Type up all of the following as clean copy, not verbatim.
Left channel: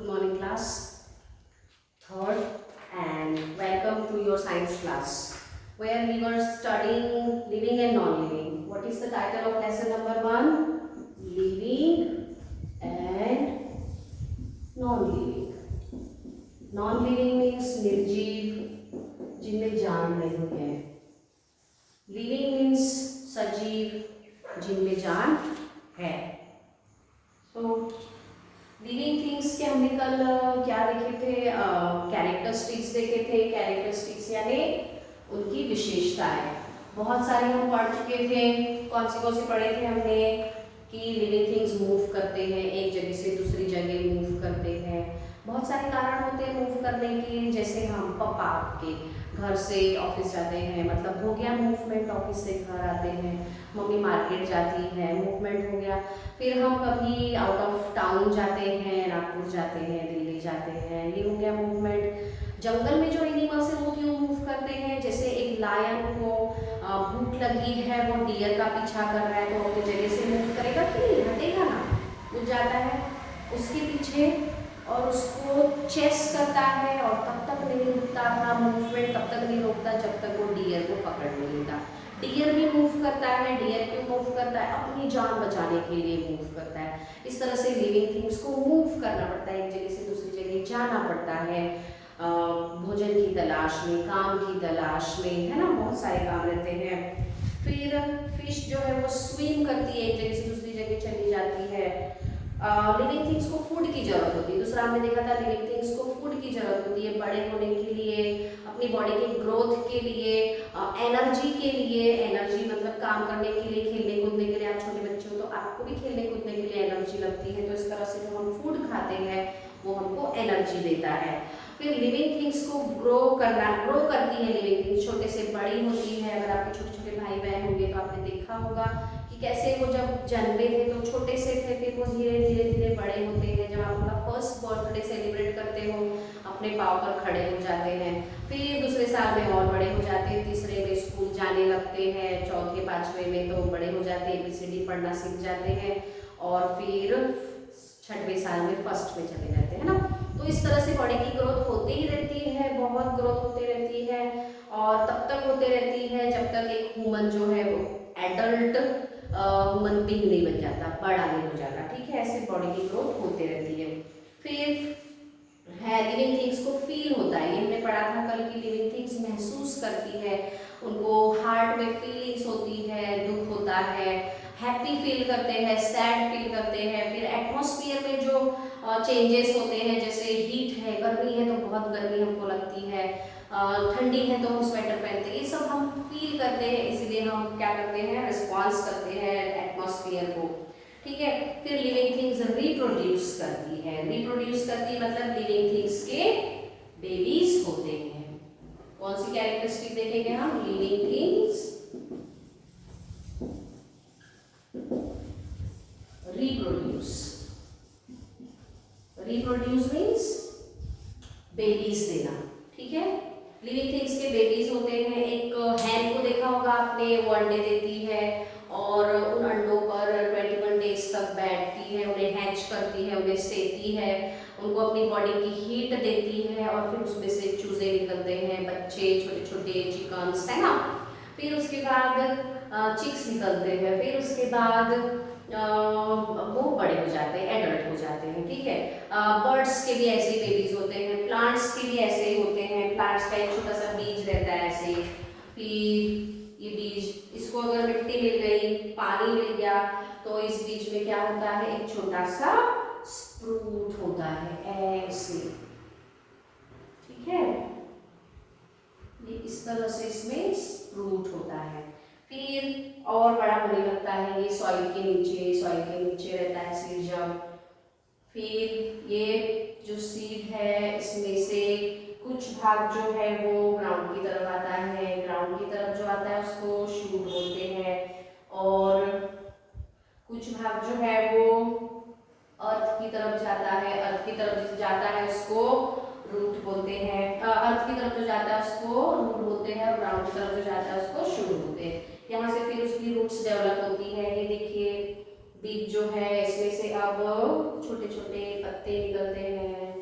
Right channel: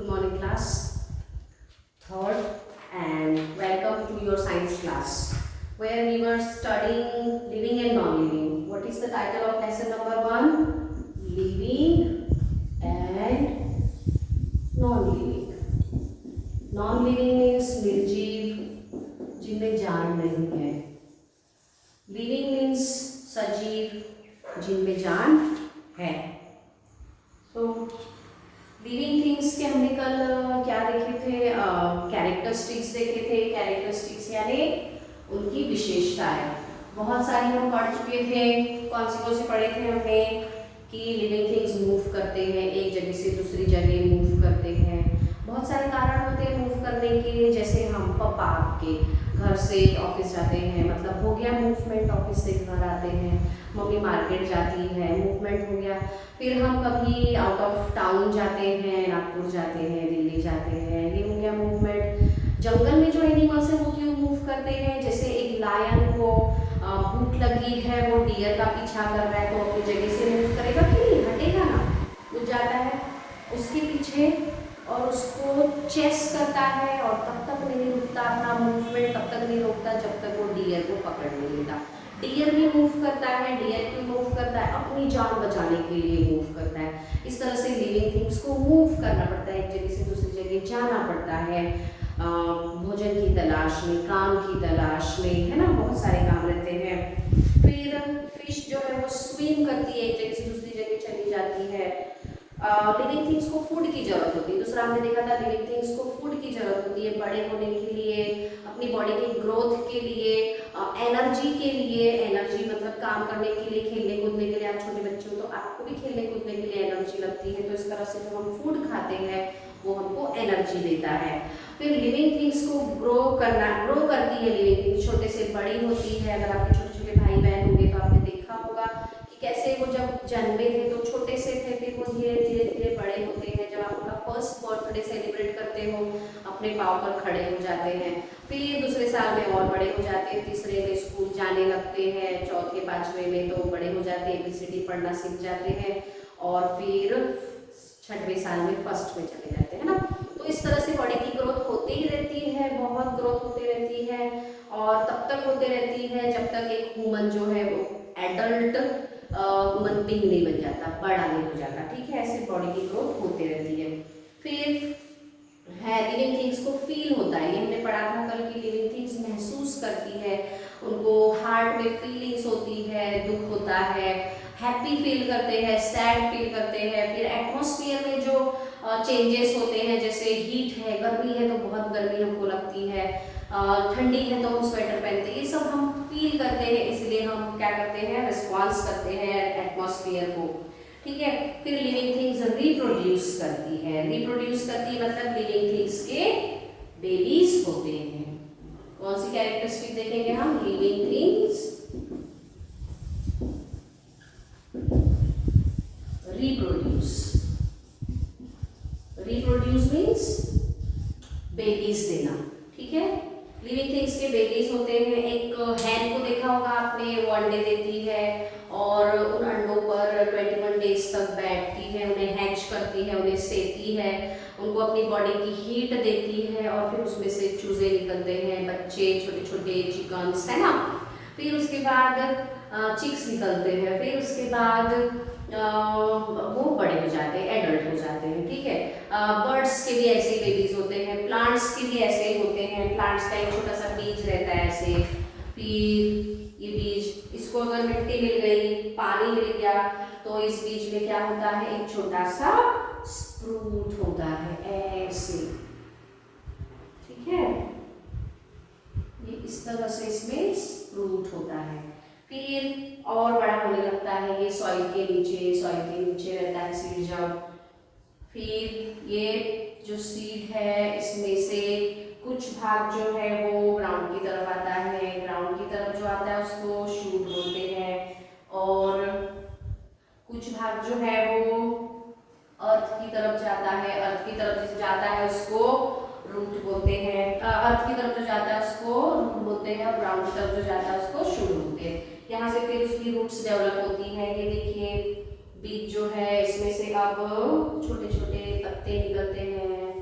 Good morning, class. Third, and welcome to your science class, where we were studying living and non-living. What is the title of lesson number 1? Living and non-living. Non-living means निर्जीव, जिनमें जान नहीं है. Living means सजीव, जिनमें जान है. So living things के हमने कल क्या देखे थे? कैरेक्टरिस्टिक्स देखे थे. कैरेक्टरिस्टिक्स यानी उनकी विशेषताएं बहुत सारी हम पढ़ चुके थे. कौन से पढ़े थे हमने? कि लिविंग थिंग्स मूव करते हैं, एक जगह से दूसरी जगह मूव करते हैं. बहुत सारे कारण होते हैं मूव करने के. जैसे हम पापा के घर से ऑफिस जाते हैं, मतलब हो गया मूवमेंट. ऑफिस से घर आते हैं. मम्मी मार्केट जाती है, मूवमेंट हो गया. फिर हम कभी आउट ऑफ टाउन जाते हैं, नागपुर जाते हैं, दिल्ली जाते हैं, ये हो गया मूवमेंट. जंगल में जो एनिमल्स है वो क्यों मूव करते हैं? जैसे एक लायन को भूख लगी है, वो डियर का पीछा कर रहा है, तो अपनी जगह से मूव करेगा कि नहीं? हटेगा ना, वो जाता है उसके पीछे और उसको चेस करता है और तब तक नहीं रुकता. अपना मूवमेंट तब तक नहीं रोकता जब तक वो डियर को पकड़ नहीं लेता. डियर भी मूव करता है. डियर क्यों मूव करता है? अपनी जान बचाने के लिए मूव करता है. इस तरह से लिविंग थिंग्स को मूव करना पड़ता है, एक जगह से दूसरी जगह जाना पड़ता है. भोजन की तलाश में, काम की तलाश में, है ना, बहुत सारे काम रहते हैं. फिर फिश जो है वो स्विम करती है, एक जगह से दूसरी जगह चली जाती है. लिविंग थिंग्स को फूड की जरूरत होती है. दूसरा हमने देखा था लिविंग थिंग्स को फूड की जरूरत होती है बड़े होने के लिए, अपनी बॉडी के ग्रोथ के लिए, एनर्जी के लिए. एनर्जी मतलब काम करने के लिए, खेलने कूदने के लिए. आप छोटे बच्चे हो तो आपको भी खेलने कूदने के लिए एनर्जी लगती है. तो इस तरह से जो हम फूड खाते हैं वो हमको एनर्जी देता है. फिर लिविंग थिंग्स को ग्रो करती है. लिविंग थिंग्स छोटे से बड़ी होती है. अगर आपके छोटे छोटे भाई बहन होंगे तो आपने देखा होगा कि कैसे वो जब जन्मे थे तो छोटे से थे, फिर वो धीरे धीरे धीरे बड़े होते हैं. जब आप उनका फर्स्ट बर्थडे सेलिब्रेट करते हो, अपने पाँव पर खड़े हो जाते हैं. फिर दूसरे साल में और बड़े हो जाते हैं, तीसरे में स्कूल जाने लगते हैं, चौथे पाँचवें में तो बड़े हो जाते हैं, ABCD पढ़ना सीख जाते हैं, और फिर छठवें साल में फर्स्ट में चले जाते हैं ना. तो इस तरह से बॉडी की ग्रोथ होती ही रहती है, बहुत ग्रोथ होती रहती है, और तब तक होते रहती है जब तक एक ह्यूमन जो है वो एडल्ट ह्यूमन बीइंग नहीं बन जाता, बड़ा नहीं हो जाता. ठीक है, ऐसे बॉडी की ग्रोथ होती रहती है. फिर है लिविंग थिंग्स को फील होता है. ये हमने पढ़ा था कल की लिविंग थिंग्स महसूस करती है. उनको हार्ट में फीलिंग्स होती है, दुख होता है, हैप्पी फील करते हैं, सैड फील करते हैं. फिर एटमॉस्फेयर में जो चेंजेस होते हैं, जैसे हीट है, गर्मी है तो बहुत गर्मी हमको लगती है, ठंडी है तो हम स्वेटर पहनते हैं. ये सब हम फील करते हैं, इसलिए हम क्या करते हैं? रिस्पॉन्स करते हैं एटमॉस्फेयर को. ठीक है. फिर लिविंग थिंग्स रिप्रोड्यूस करती है. रिप्रोड्यूस करती है मतलब लिविंग थिंग्स के बेबीज होते हैं. कौन सी कैरेक्टरिस्टिक देखेंगे हम? Living things reproduce. Reproduce means babies देना. ठीक है. लिविंग थिंग्स के बेबीज होते हैं. एक हैन को देखा होगा आपने, वो अंडे देती है और उन अंडों पर 21 डेज तक बैठती है, उन्हें हैच करती है, उन्हें सेती है, उनको अपनी बॉडी की हीट देती है, और फिर उसमें से चूजे निकलते हैं, बच्चे, छोटे छोटे चिकन्स, है ना. फिर उसके बाद चिक्स निकलते हैं. फिर उसके बाद वो बड़े हो जाते हैं, एडल्ट हो जाते हैं. ठीक है. बर्ड्स के भी ऐसे ही बेबीज होते हैं, प्लांट्स के भी ऐसे ही होते हैं. प्लांट्स का एक छोटा सा बीज रहता है ऐसे. फिर ये बीज, इसको अगर मिट्टी मिल गई, पानी मिल गया, तो इस बीज में क्या होता है? एक छोटा सा स्प्रूट होता है ऐसे. ठीक है. ये इस तरह से इसमें स्प्रूट होता है. फिर और बड़ा होने लगता है ये सॉइल के नीचे रहता है सीड जब. फिर ये जो सीड है इसमें से कुछ भाग जो है वो ग्राउंड की तरफ आता है. ग्राउंड की तरफ जो आता है उसको शूट बोलते हैं, और कुछ भाग जो है वो अर्थ की तरफ जाता है. अर्थ की तरफ जो जाता है उसको रूट बोलते हैं. अर्थ की तरफ जो जाता है उसको रूट बोलते हैं, और ग्राउंड की तरफ जो जाता है उसको शूट बोलते हैं. यहाँ से फिर उसकी रूट्स डेवलप होती है. ये देखिए बीज जो है, इसमें से अब छोटे छोटे पत्ते निकलते हैं,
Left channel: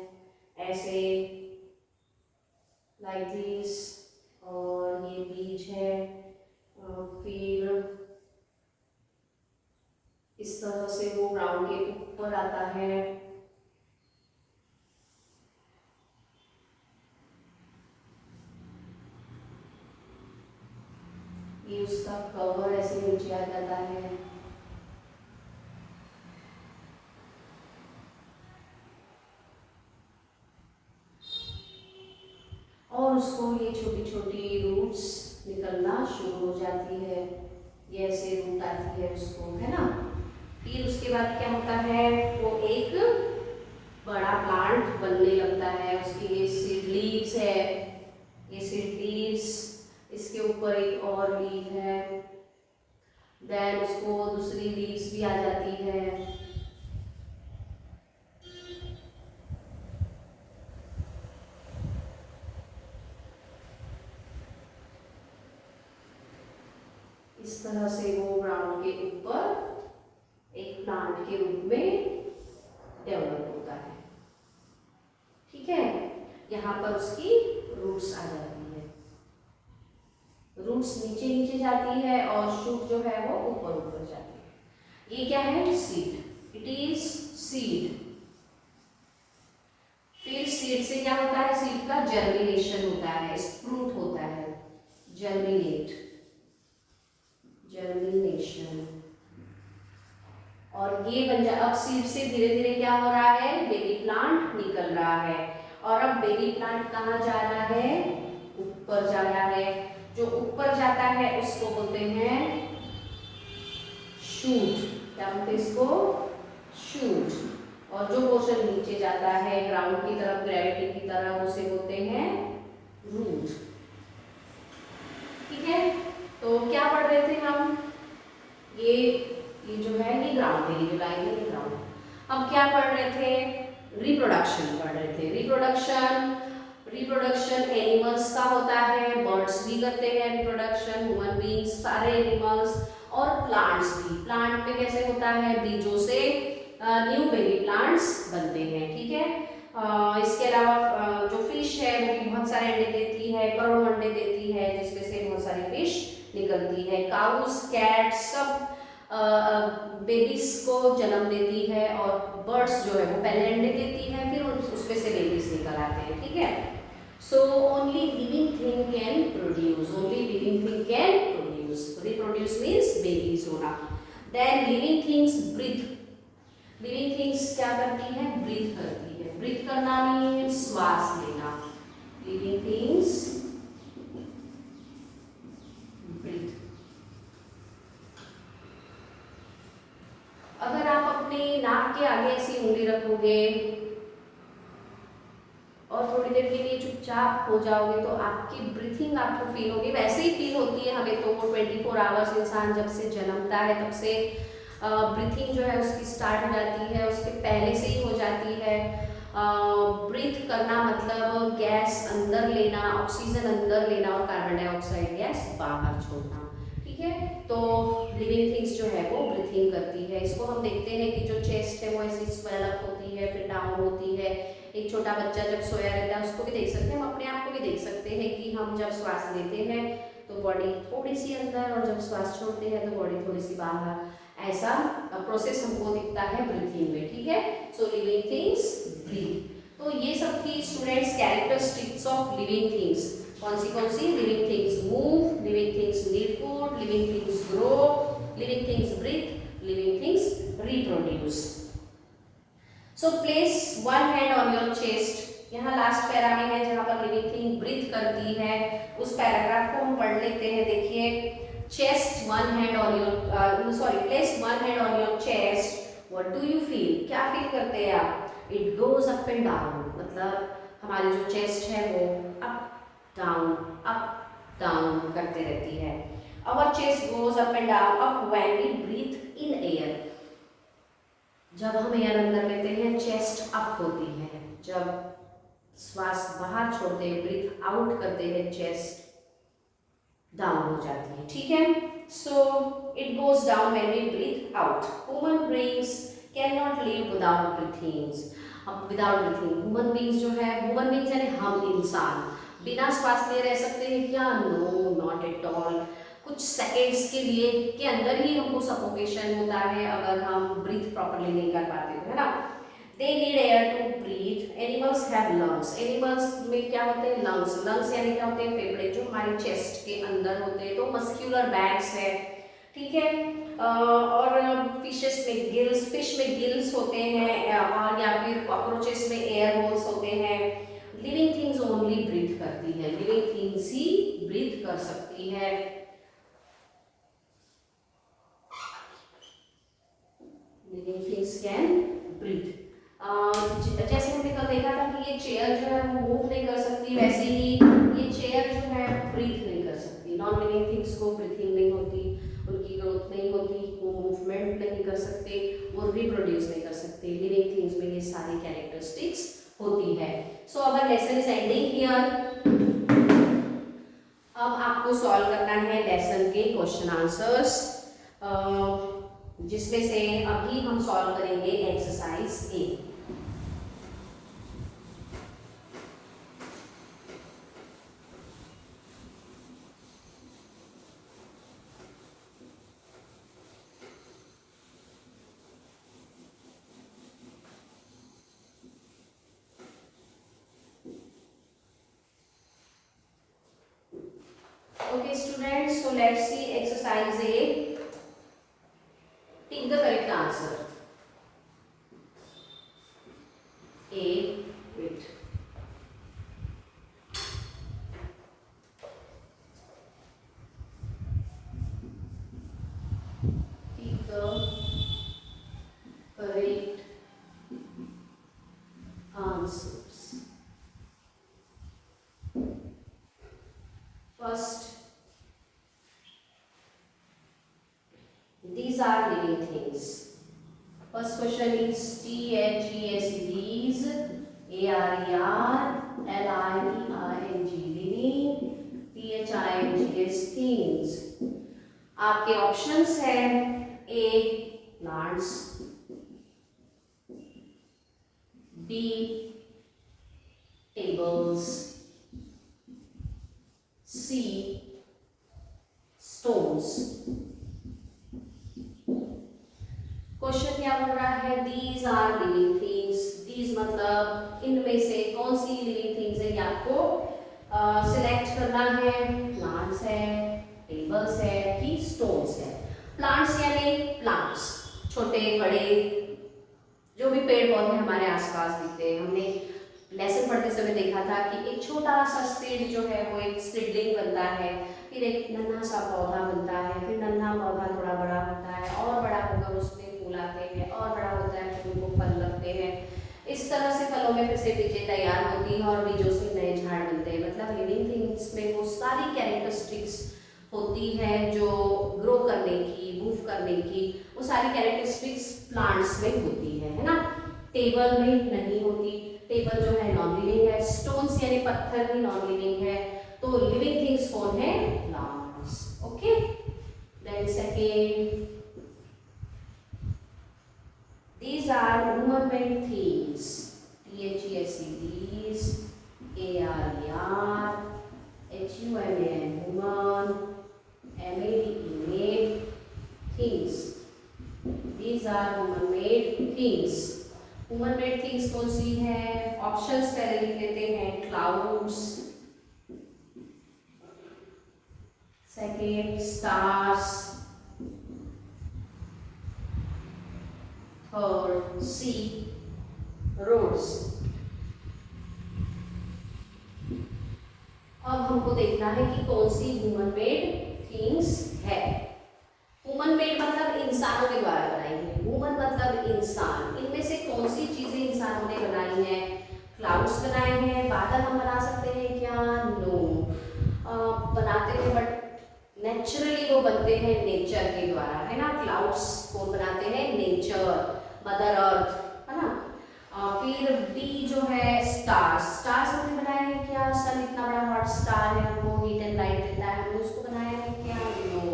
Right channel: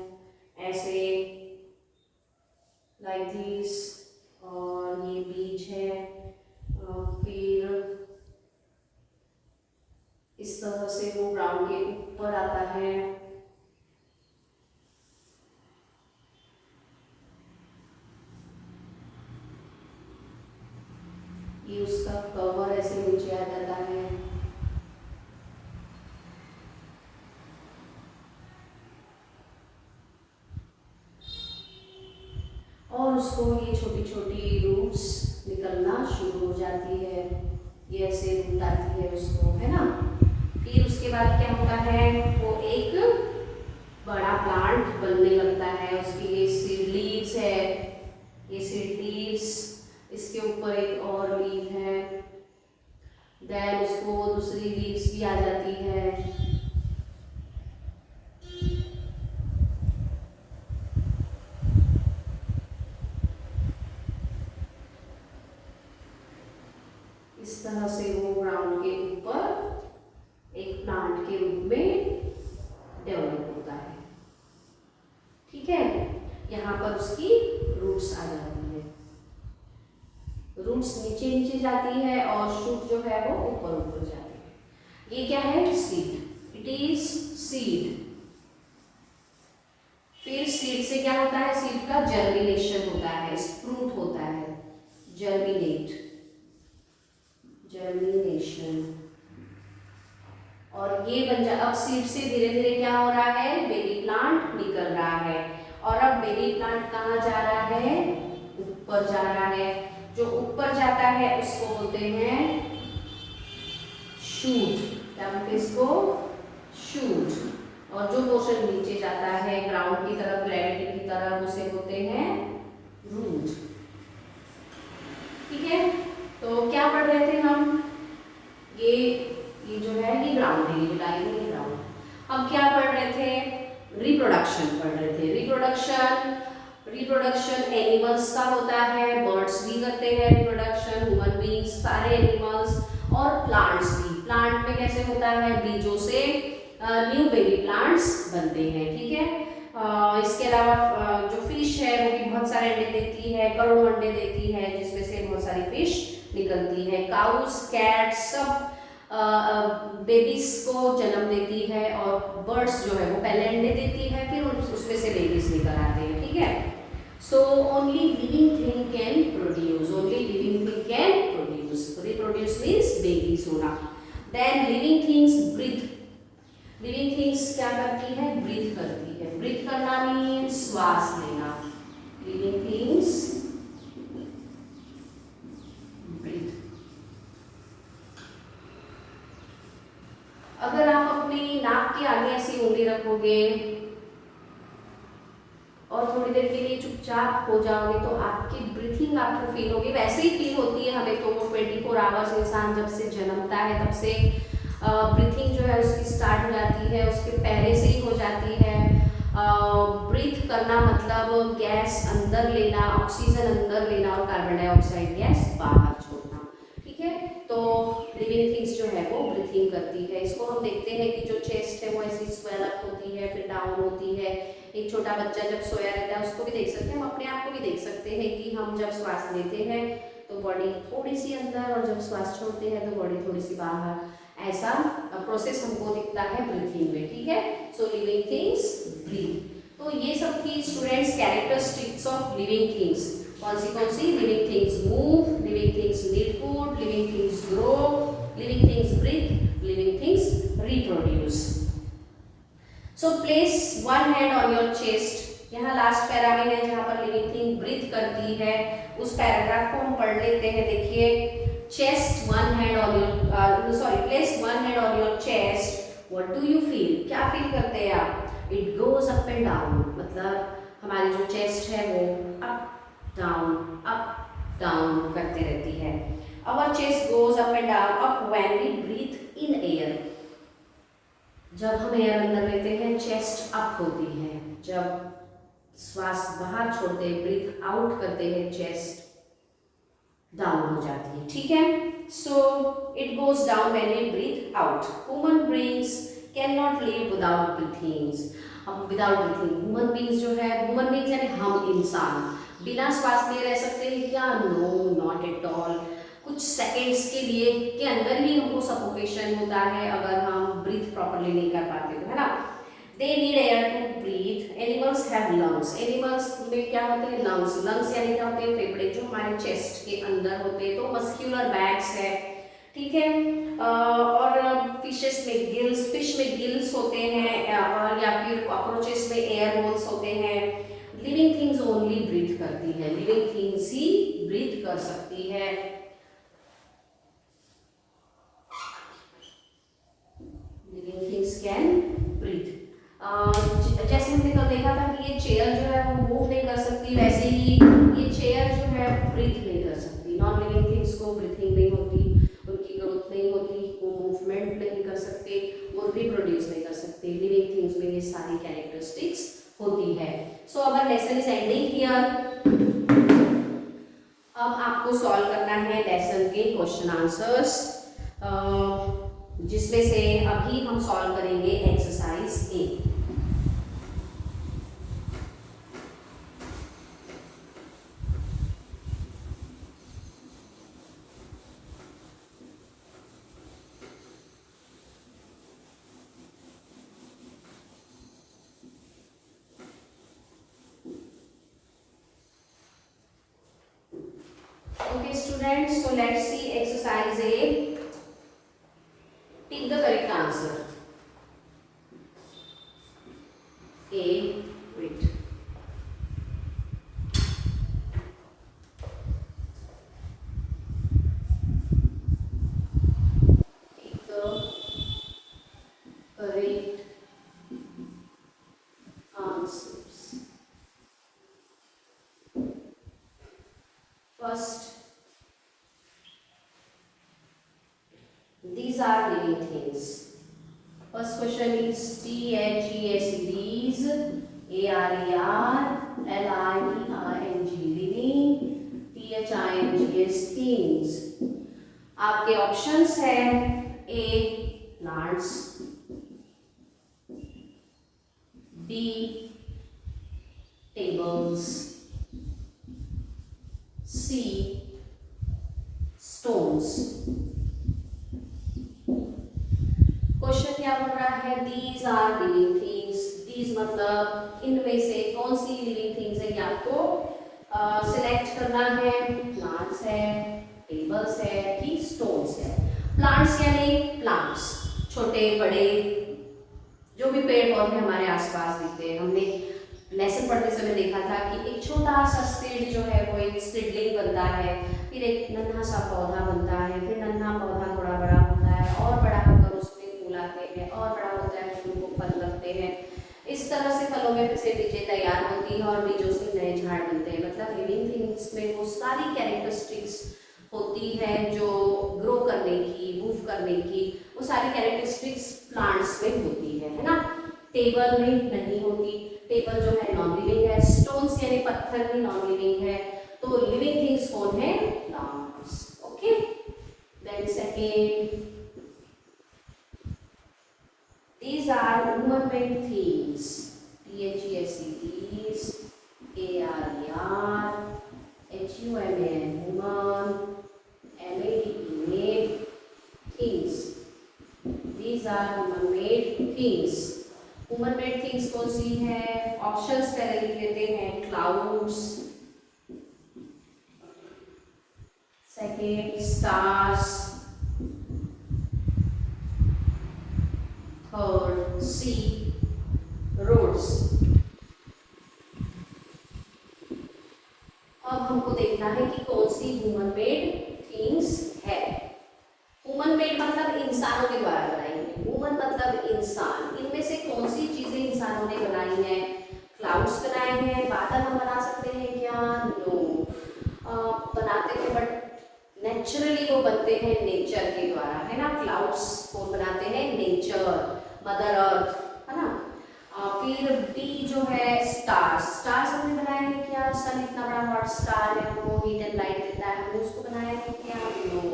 कवर ऐसे नीचे आ जाता है। और उसको ये छोटी छोटी रूट्स निकलना शुरू हो जाती है, ये ऐसे रूट आती है उसको, है ना। फिर उसके बाद क्या होता है, वो एक बड़ा प्लांट बनने लगता है। उसकी ये सीड लीव्स है, ये सीड लीव्स, इसके ऊपर एक और लीव है, देन उसको दूसरी लीव्स भी आ जाती है। इस तरह से वो ग्राउंड के ऊपर एक प्लांट के रूप में डेवलप होता है। ठीक है, यहाँ पर उसकी रूट्स आ जाती है, रूट्स नीचे नीचे जाती है और शूट जो है वो ऊपर ऊपर जाती है। ये क्या है, सीड, इट इज सीड। फिर सीड से क्या होता है, सीड का जर्मिनेशन होता है, स्प्रूट होता है, जर्मिनेट, जर्मिनेशन। और ये बन जा, अब सीड से धीरे धीरे क्या हो रहा है, बेबी प्लांट निकल रहा है। और अब बेबी प्लांट कहाँ जा रहा है, ऊपर जा रहा है। जो ऊपर जाता है उसको बोलते हैं शूट, क्या बोलते हैं इसको, शूट। और जो पोर्शन नीचे जाता है ग्राउंड की तरफ, ग्रेविटी की तरफ, उसे बोलते हैं रूट। ठीक है, तो क्या पढ़ रहे थे हम, ये जो है ये ग्राउंड है, ये जो लाइन है ये ग्राउंड। अब क्या पढ़ रहे थे, रिप्रोडक्शन पढ़ रहे थे। रिप्रोडक्शन, रिप्रोडक्शन एनिमल्स का होता है, बर्ड्स भी करते हैं रिप्रोडक्शन, ह्यूमन बींग्स, सारे एनिमल्स, और प्लांट्स भी। प्लांट में कैसे होता है, बीजों से न्यू बेबी प्लांट्स बनते हैं। ठीक है, इसके अलावा जो फिश है वो भी बहुत सारे अंडे देती है, करोड़ों अंडे देती है, जिसमें से बहुत सारी फिश निकलती है। काउस, कैट सब बेबीज को जन्म देती है, और बर्ड्स जो है वो पहले अंडे देती है, फिर उसमें से बेबीज निकल आते हैं। ठीक है, so only living thing can produce, only living thing can produce. Reproduce means babies होना। Then living things breathe, living things क्या करती है, ब्रीथ करती है। ब्रीथ करना मीन्स श्वास लेना, लिविंग थिंग्स ब्रीथ। अगर आप अपने नाक के आगे ऐसी उंगली रखोगे और थोड़ी देर के लिए चुपचाप हो जाओगे तो आपकी ब्रीथिंग आपको फील होगी। वैसे ही फील होती है हमें तो, 24 आवर्स इंसान जब से जन्मता है तब से ब्रीथिंग जो है उसकी स्टार्ट हो जाती है, उसके पहले से ही हो जाती है। ब्रीथ करना मतलब गैस अंदर लेना, ऑक्सीजन अंदर लेना और कार्बन डाइऑक्साइड गैस बाहर छोड़ना। ठीक है, तो लिविंग थिंग्स जो है वो ब्रीथिंग करती है। इसको हम देखते हैं कि जो चेस्ट है वो ऐसी स्वेल अप होती है, फिर डाउन होती है। एक छोटा बच्चा जब सोया रहता है उसको भी देख सकते हैं, हम अपने आप को भी देख सकते हैं कि हम जब श्वास लेते हैं तो बॉडी थोड़ी सी अंदर, और जब श्वास छोड़ते हैं तो बॉडी थोड़ी सी बाहर। ऐसा प्रोसेस हमको दिखता है ब्रीथिंग में। ठीक है, सो लिविंग थिंग्स ब्रीथ। तो ये सब थी students characteristics of living things. कौन सी living things move, living things need food, living things grow, living things breathe, living things reproduce. So place one hand on your chest. यहाँ last para में है जहाँ पर लिविंग थिंग ब्रीथ करती है, उस पैराग्राफ को हम पढ़ लेते हैं। देखिए, chest one hand on your, sorry, place one hand on your chest, what do you feel, क्या फील करते हैं आप। It goes up and down, मतलब हमारी जो चेस्ट है वो अप डाउन करते रहती है। Our chest goes up and down, up when we breathe in air. जब हम एयर अंदर लेते हैं चेस्ट अप होती है, जब श्वास बाहर छोड़ते हैं, ब्रीथ आउट करते हैं, चेस्ट डाउन हो जाती है। ठीक है, so it goes down when we breathe out. Human beings can not live without breathings, हम विदाउट ब्रीथिंग, ह्यूमन बीइंग्स जो है, ह्यूमन बीइंग्स यानी हम इंसान बिना श्वास लिए रह सकते हैं क्या, नो नॉट एट ऑल। कुछ सेकेंड्स के लिए के अंदर ही हमको सफोकेशन होता है अगर हम ब्रीथ प्रॉपरली नहीं कर पाते तो, है ना। They need air to breathe. Animals have lungs, animals में क्या होते हैं, लंग्स। लंग्स यानी क्या होते हैं, फेफड़े जो हमारे चेस्ट के अंदर होते हैं। तो मस्क्यूलर बैग्स है, ठीक है। और फिशेस में गिल्स, फिश में गिल्स होते हैं, और या फिर कॉकरोचेस में एयर होल्स होते हैं। लिविंग थिंग्स ओनली ब्रीथ करती है, लिविंग थिंग्स ही ब्रीथ कर सकती है। Living things can breathe. जैसे हमने कल देखा था कि ये चेयर जो है वो मूव नहीं कर सकती, वैसे ही ये चेयर जो है ब्रीथ नहीं कर सकती। नॉन लिविंग थिंग्स को ब्रीथिंग नहीं होती, उनकी ग्रोथ नहीं होती, वो मूवमेंट नहीं कर सकते और रिप्रोड्यूस नहीं कर सकते। लिविंग थिंग्स में ये सारी कैरेक्टरिस्टिक्स होती है। सो अवर लेसन इज एंडिंग हियर। अब आपको सॉल्व करना है लेसन के क्वेश्चन आंसर्स, जिसमें से अभी हम सॉल्व करेंगे exercise A. Okay students, so let's see exercise A. Pick the correct answer. A, wait. Pick the correct answers. First, these are living things. First question is THES, these, ARER, LIERNG, living, THINGS, things. आपके options हैं A plants, B tables, C stones. Question क्या बोल रहा है? These are living things. These मतलब इनमें से कौन सी लिविंग थिंग्स है, ये आपको सिलेक्ट करना है। प्लांट्स है, टेबल्स है कि स्टोन्स है। प्लांट्स यानी प्लांट्स, छोटे बड़े जो भी पेड़ पौधे हमारे आसपास दिखते हैं। हमने लेसन पढ़ते समय देखा था कि एक छोटा सा सीड जो है वो एक सीडलिंग बनता है, फिर एक नन्हा सा पौधा बनता है, फिर नन्हा पौधा थोड़ा बड़ा होता है और बड़ा होकर उसमें फूल आते हैं और बड़ा होता है, फूल को फल लगते हैं। इस तरह से फलों में फिर से बीजें तैयार होती हैं और बीजों से नए झाड़ बनते हैं। मतलब लिविंग थिंग्स में वो सारी कैरेक्टरिस्टिक्स होती हैं जो ग्रो करने की, मूव करने की, वो सारी कैरेक्टरिस्टिक्स प्लांट्स में होती है ना। टेबल में नहीं होती, टेबल जो है नॉन लिविंग है। स्टोन्स यानी पत्थर भी नॉन लिविंग है। तो लिविंग थिंग्स कौन है? Plants. Okay, then second, these are human-made things. THES, these, ARER, HUMAN, human, MADE, made things. These are human-made things. Human-made things कौन सी है? ऑप्शंस पहले लिख लेते हैं। Clouds, second stars, third sea, roads. अब हमको देखना है कि कौन सी ह्यूमन मेड थिंग्स है। ह्यूमन मेड मतलब इंसानों के द्वारा बनाई है। ह्यूमन मतलब इंसान। इनमें से कौन सी चीजें इंसानों ने बनाई हैं? क्लाउड्स बनाए हैं। बादल हम बना सकते हैं क्या? नो, बनाते हैं बट नेचुरली वो बनते हैं नेचर के द्वारा, है ना। क्लाउड्स कौन बनाते हैं? नेचर, मदर अर्थ, है ना। फिर बी जो है स्टार्स। स्टार्स हमने बनाए हैं क्या? सन इतना बड़ा हॉट स्टार है, वो हीट एंड लाइट देता है, हमने उसको बनाया है क्या? नो।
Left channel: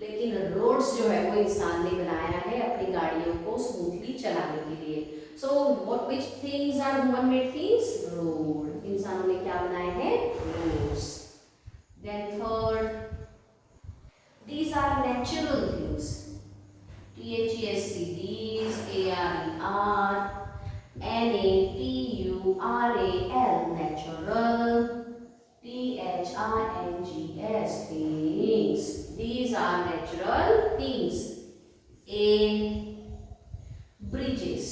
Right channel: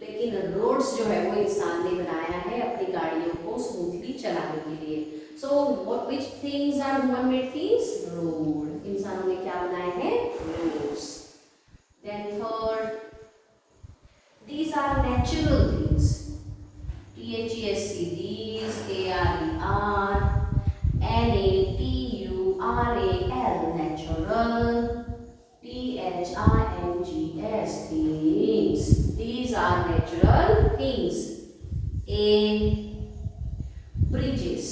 लेकिन रोड्स जो है वो इंसान ने बनाया है अपनी गाड़ियों को स्मूथली चलाने के लिए। So what which things are human made things? Road. इंसानों ने क्या बनाए हैं? Roads. Then third, these are natural things. THES, these, ARER, NATURAL, natural, THINGS, things. These these are natural things. A, bridges,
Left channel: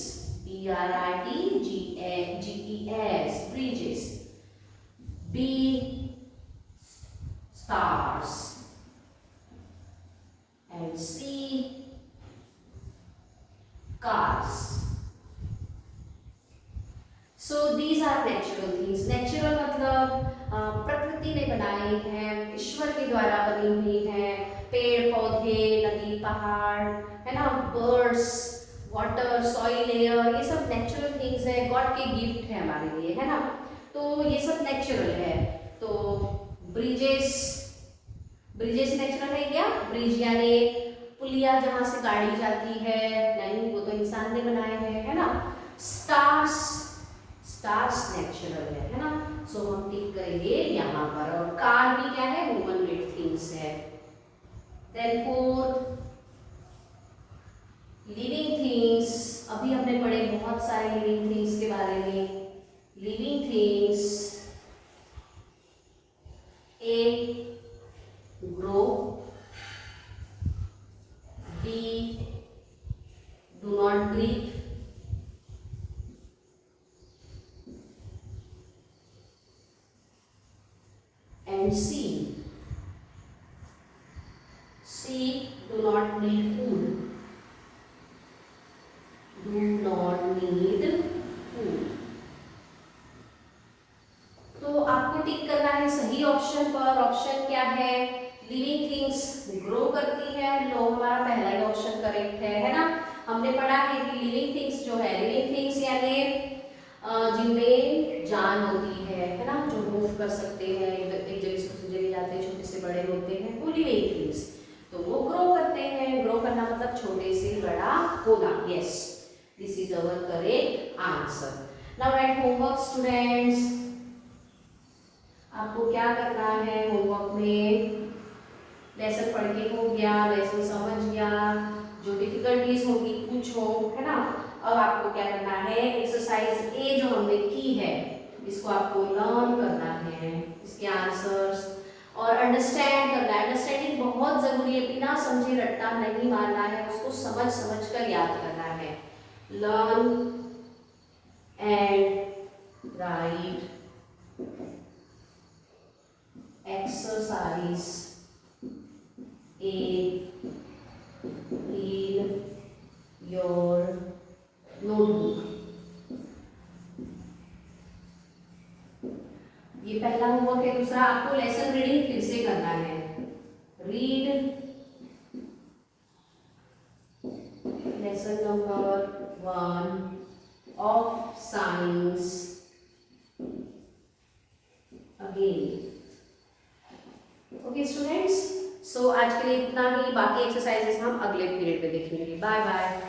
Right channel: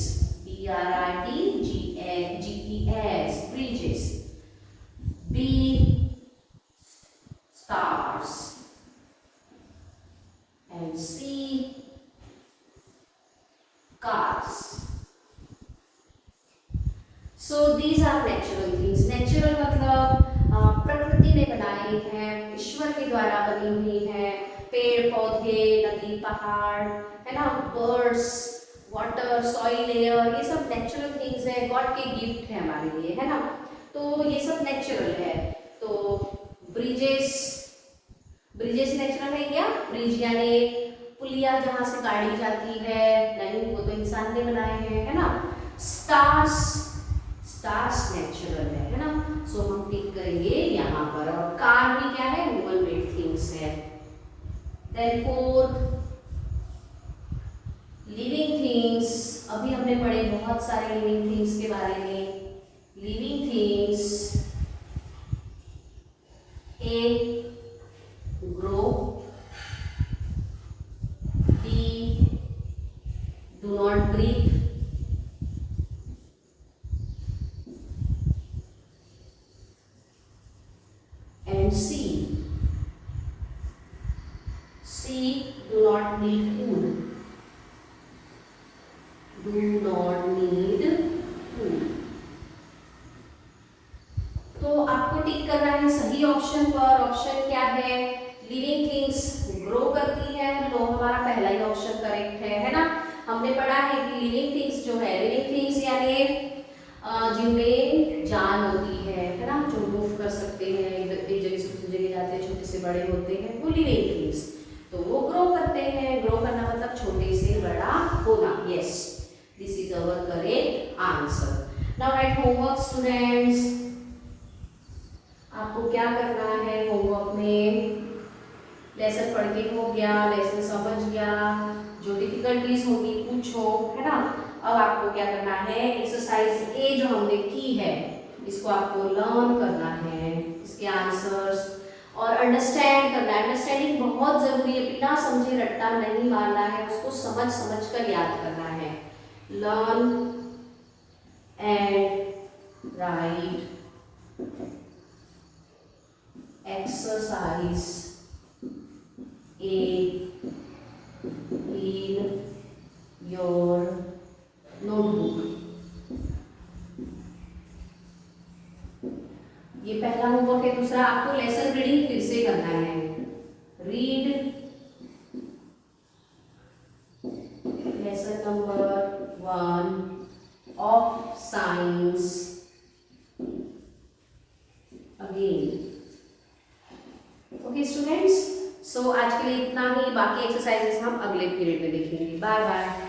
B-R-I-D-G-E-S, bridges. B, stars, and C, cars. So these are natural things. Natural मतलब प्रकृति ने बनाई है, ईश्वर के द्वारा बनी हुई है, पेड़ पौधे, नदी पहाड़, है ना, बर्ड्स, वाटर, सॉइल, एयर, ये सब नेचुरल थिंग्स है, गॉड के गिफ्ट है हमारे लिए, है ना। तो ये सब नेचुरल है। तो ब्रिजेस, ब्रिजेस नेचुरल है क्या? ब्रिज यानी पुलिया जहां से गाड़ी जाती है, नहीं, वो तो इंसान ने बनाए हैं, है ना। स्टार्स, स्टार्स नेचुरल है ना। सो हम टिक करेंगे यहाँ पर। और कार भी क्या है? ह्यूमन मेड थिंग्स है। Then fourth, living things. अभी हमने पढ़े बहुत सारे लिविंग थिंग्स के बारे में। Living things, A, grow, B, do not breathe, and C, do not need food. Do not need food. तो आपको टिक करना है सही ऑप्शन पर। ऑप्शन क्या है? लिविंग थिंग्स ग्रो करती है। लो, हमारा पहला ही ऑप्शन करेक्ट है ना। हमने पढ़ा है कि लिविंग थिंग्स जो है, लिविंग थिंग्स यानी जिनमें जान होती है ना, जो मूव कर सकते हैं, एक जगह से दूसरी जगह जाते हैं, छोटे से बड़े होते हैं, वो लिविंग थिंग्स। तो वो ग्रो करते हैं। ग्रो करना मतलब छोटे से बड़ा होना। Yes, this is our correct answer. Now right homework students. आपको क्या करना है होमवर्क में? लेसन पढ़ के हो गया, लेसन समझ गया, जो डिफिकल्टीज होगी पूछो, है ना। अब आपको क्या करना है? एक्सरसाइज ए जो हमने की है, इसको आपको लर्न करना है, इसके आंसर्स, और अंडरस्टैंड करना है। अंडरस्टैंडिंग बहुत जरूरी है, बिना समझे रट्टा नहीं मारना है, उसको समझ समझ कर याद करना है। Learn and right exercise A in your notebook। ये पहला होमवर्क है। दूसरा, आपको लेसन रीडिंग फिर से करना है। Read lesson number 1 of science again. Okay students, so आज के लिए इतना ही। बाकी एक्सरसाइजेस हम अगले पीरियड में देखेंगे। Bye bye.